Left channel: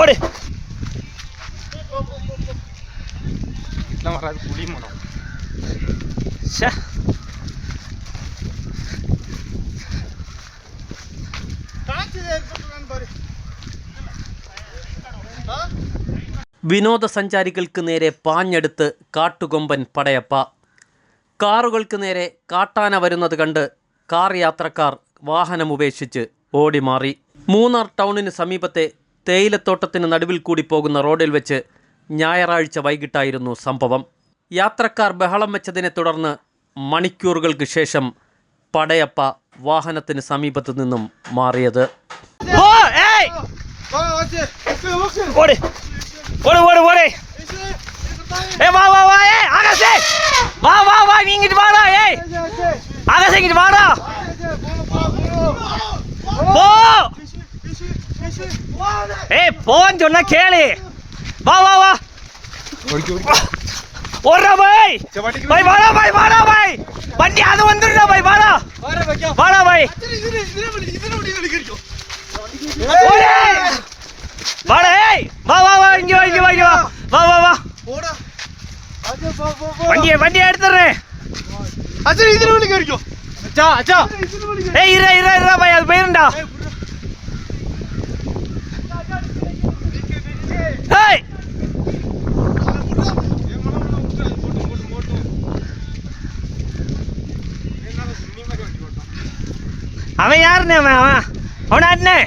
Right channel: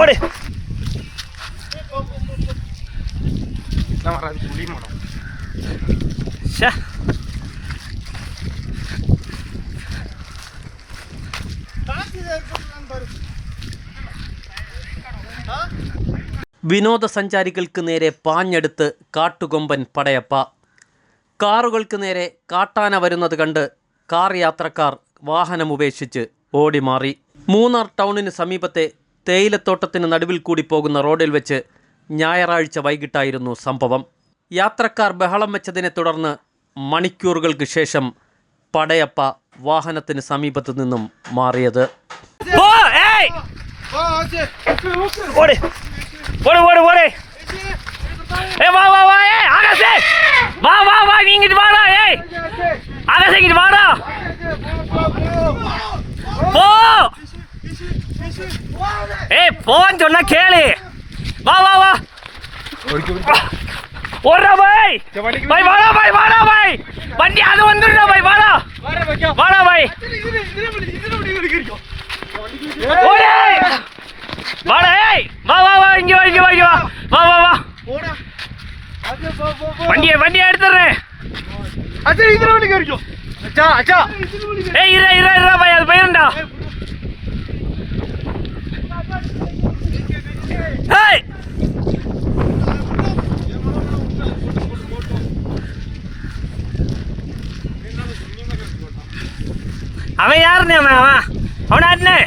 ഓടെ വിനോദസഞ്ചാരികൾക്ക് നേരെ പാഞ്ഞെടുത്ത് കാട്ടുകൊമ്പൻ പടയപ്പ. കാറുകൾക്ക് നേരെ കാട്ടാന വരുന്നത് കണ്ട് കാർ യാത്രക്കാർ വാഹനമുപേക്ഷിച്ച് ഓടിമാറി. മൂന്നാർ ടൗണിന് സമീപത്തെ തേയിലത്തോട്ടത്തിന് നടുവിൽ കൂടി പോകുന്ന റോഡിൽ വെച്ച് ഞായറാഴ്ച വൈകിട്ടായിരുന്നു സംഭവം. യാത്രക്കാർ ബഹളം വെച്ചതിനെ തുടർന്ന് മണിക്കൂറുകൾക്ക് ശേഷം പടയപ്പ വാഹനത്തിന് സമീപത്തു നിന്നും മാറിയത്. போன்னு சொன்னா கேளு. வா வா வா ஓடுறா பாய். பாய் வாடா பாய், வாடா பாய். வண்டி அது வந்துடுறா பாய், வாடா வாடா பாய். ஓடே வாடா. ஏய் வா வா வா, இங்க வா இங்க வா இங்க வா. வா வா வா ஓடா. வண்டியை எடுத்துறேன். அச்சா இதுல வண்டி கேறிக்கோ. அச்சா அச்சா ஏய் இரு இரு இரு பாய், அது போயிரண்டா. ஏய் அவன் யாருண்ணே? அவன் ஆட்டுனே.